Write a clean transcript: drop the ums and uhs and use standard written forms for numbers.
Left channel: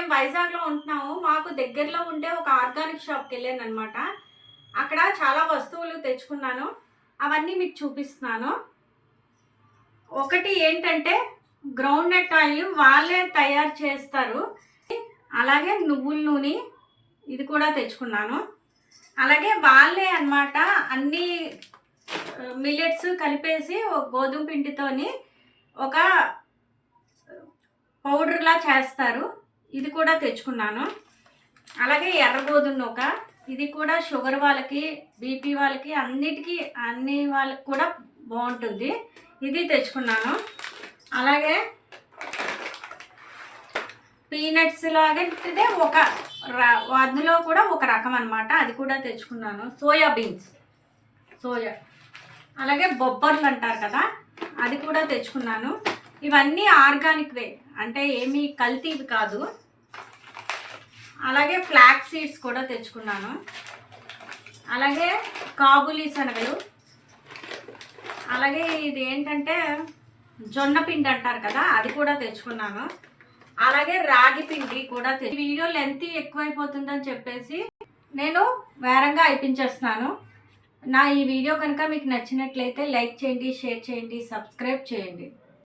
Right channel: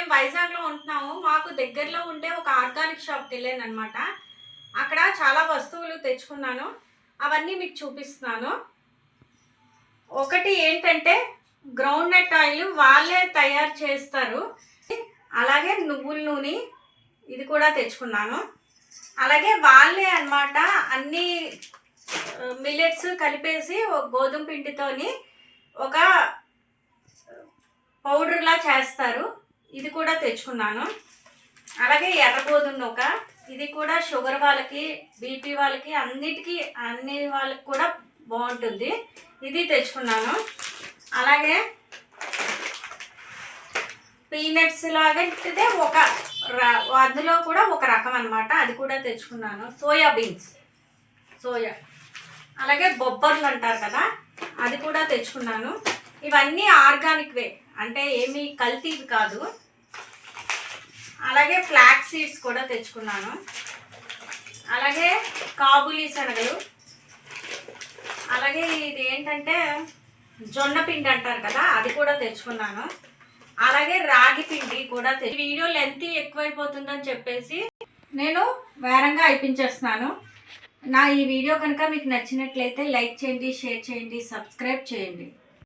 మేము వైజాగ్లో ఉంటున్నాము. మాకు దగ్గరలో ఉండే ఒక ఆర్గానిక్ షాప్కి వెళ్ళాను అనమాట. అక్కడ చాలా వస్తువులు తెచ్చుకున్నాను. అవన్నీ మీకు చూపిస్తున్నాను. ఒకటి ఏంటంటే గ్రౌండ్ నట్ ఆయిల్ వాళ్ళే తయారు చేస్తారు. అలాగే నువ్వుల నూనె ఇది కూడా తెచ్చుకున్నాను. అలాగే వాళ్ళే అన్నమాట అన్ని మిల్లెట్స్ కలిపేసి ఒక గోధుమ పిండితోని ఒక పౌడర్లా చేస్తారు. ఇది కూడా తెచ్చుకున్నాను. అలాగే ఎర్ర గోధుమ నూక ఇది కూడా షుగర్ వాళ్ళకి, బీపీ వాళ్ళకి, అన్ని వాళ్ళకి కూడా బాగుంటుంది. ఇది తెచ్చుకున్నాను. అలాగే పీనట్స్ లాగే ఒక అందులో కూడా ఒక రకం అనమాట, అది కూడా తెచ్చుకున్నాను. సోయా బీన్స్, అలాగే బొబ్బర్లు అంటారు కదా, అది కూడా తెచ్చుకున్నాను. ఇవన్నీ ఆర్గానిక్వే, అంటే ఏమీ కల్తీవి కాదు. అలాగే ఫ్లాక్ సీడ్స్ కూడా తెచ్చుకున్నాను. అలాగే కాబూలీ శనగలు, అలాగే ఇది ఏంటంటే జొన్న పిండి అంటారు కదా, అది కూడా తెచ్చుకున్నాను. అలాగే రాగి పిండి కూడా వీడియో లెంత్ ఎక్కువైపోతుందని చెప్పేసి నేను వేరంగా అయిపించేస్తున్నాను. నా ఈ వీడియో కనుక మీకు నచ్చినట్లయితే లైక్ చేయండి, షేర్ చేయండి, సబ్స్క్రైబ్ చేయండి.